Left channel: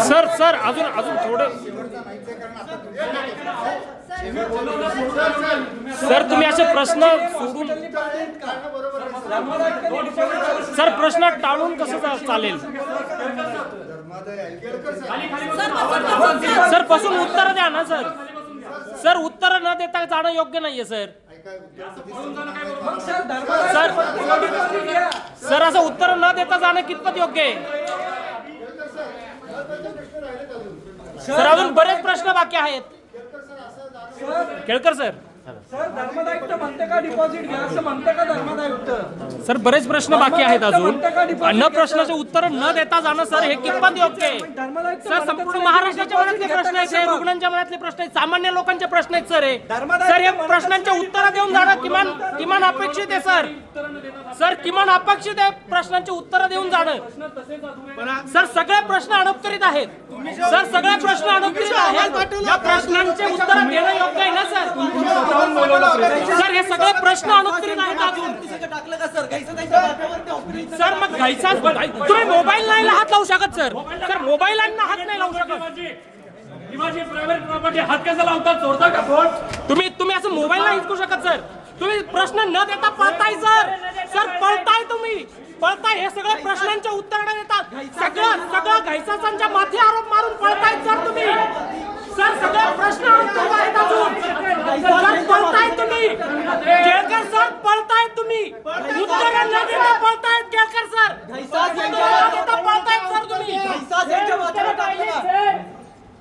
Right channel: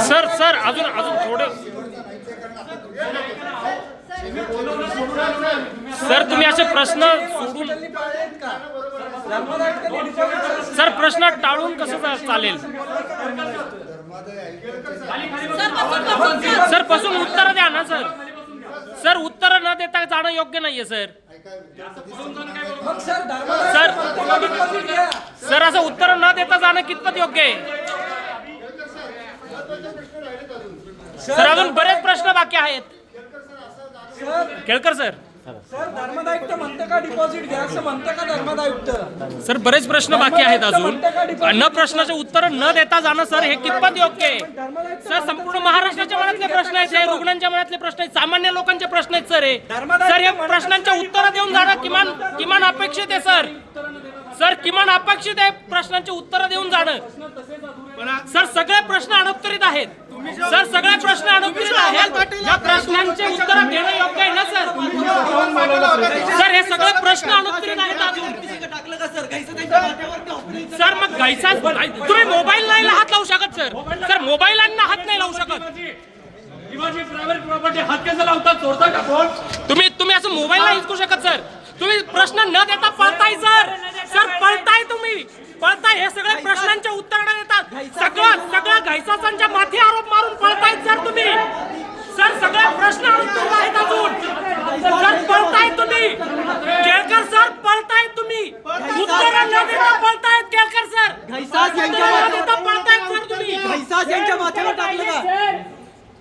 sir sir अजून अजून थोडं सर तुम्ही असे प्रश्न सोडून सर प्रश्न टाळून कसं चालेल सर बसून उत्तर द्या ना सर सर उत्तर न देता जाणं योग्य नाहीये सर सर सर असं उत्तर न देता जाणं कितपत योग्य आहे सर अजून बरेच प्रश्न बाकी आहेत केळकर सर धर्मदायुक्त म्हणते का डिपॉझिट घ्या असं म्हणते का धर्मदायुक्त सर बरेच प्रश्न बाकी आहेत अजून न प्रश्नाचे उत्तर न देता जाणं सर हे कितपत योग्य आहे सर संपूर्ण महाराष्ट्राच्या मनातले प्रश्न आहेत हे रुग्णांच्या मनातले प्रश्न आहेत सामान्य लोकांचे प्रश्न आहेत सर हे सर हे प्रश्नांचे उत्तर देऊन जाणं किमान किमान अपेक्षित आहे सर सर किमान अपेक्षित आहे प्रश्नांचे उत्तर देऊन जाणं सर सगळे प्रश्न अनुत्तरित आहेत सर सगळे प्रश्न अनुत्तरित आहेत या प्रश्नांचे उत्तर देणं योग्य आहे ना सर सर हे सगळे प्रश्न अनुत्तरित आहेत अजून सर मग घायचा तुम्ही मोबाईल नाही हात लावू शकत सर सर मोबाईलांना हात नाही लावू शकत हात कसा लावतात चोरता का फोन तुम्ही असं मोबाईल नाही हिसकू शकत सर तुम्ही प्रश्न न देता पळताय सर सर पळताय तुम्ही पळताय हे सगळे प्रश्नांच्या उत्तर देतात सगळं घायसांच्या माथी आरोप मारून पळताय सर तुम्ही सर सगळे प्रश्न अनुत्तरित आहेत अजून सर पळताय तुम्ही केळकर सर पळताय तुम्ही उत्तर न देता पळतायत केळकर सर उत्तर न देता पळतायत सर तुम्ही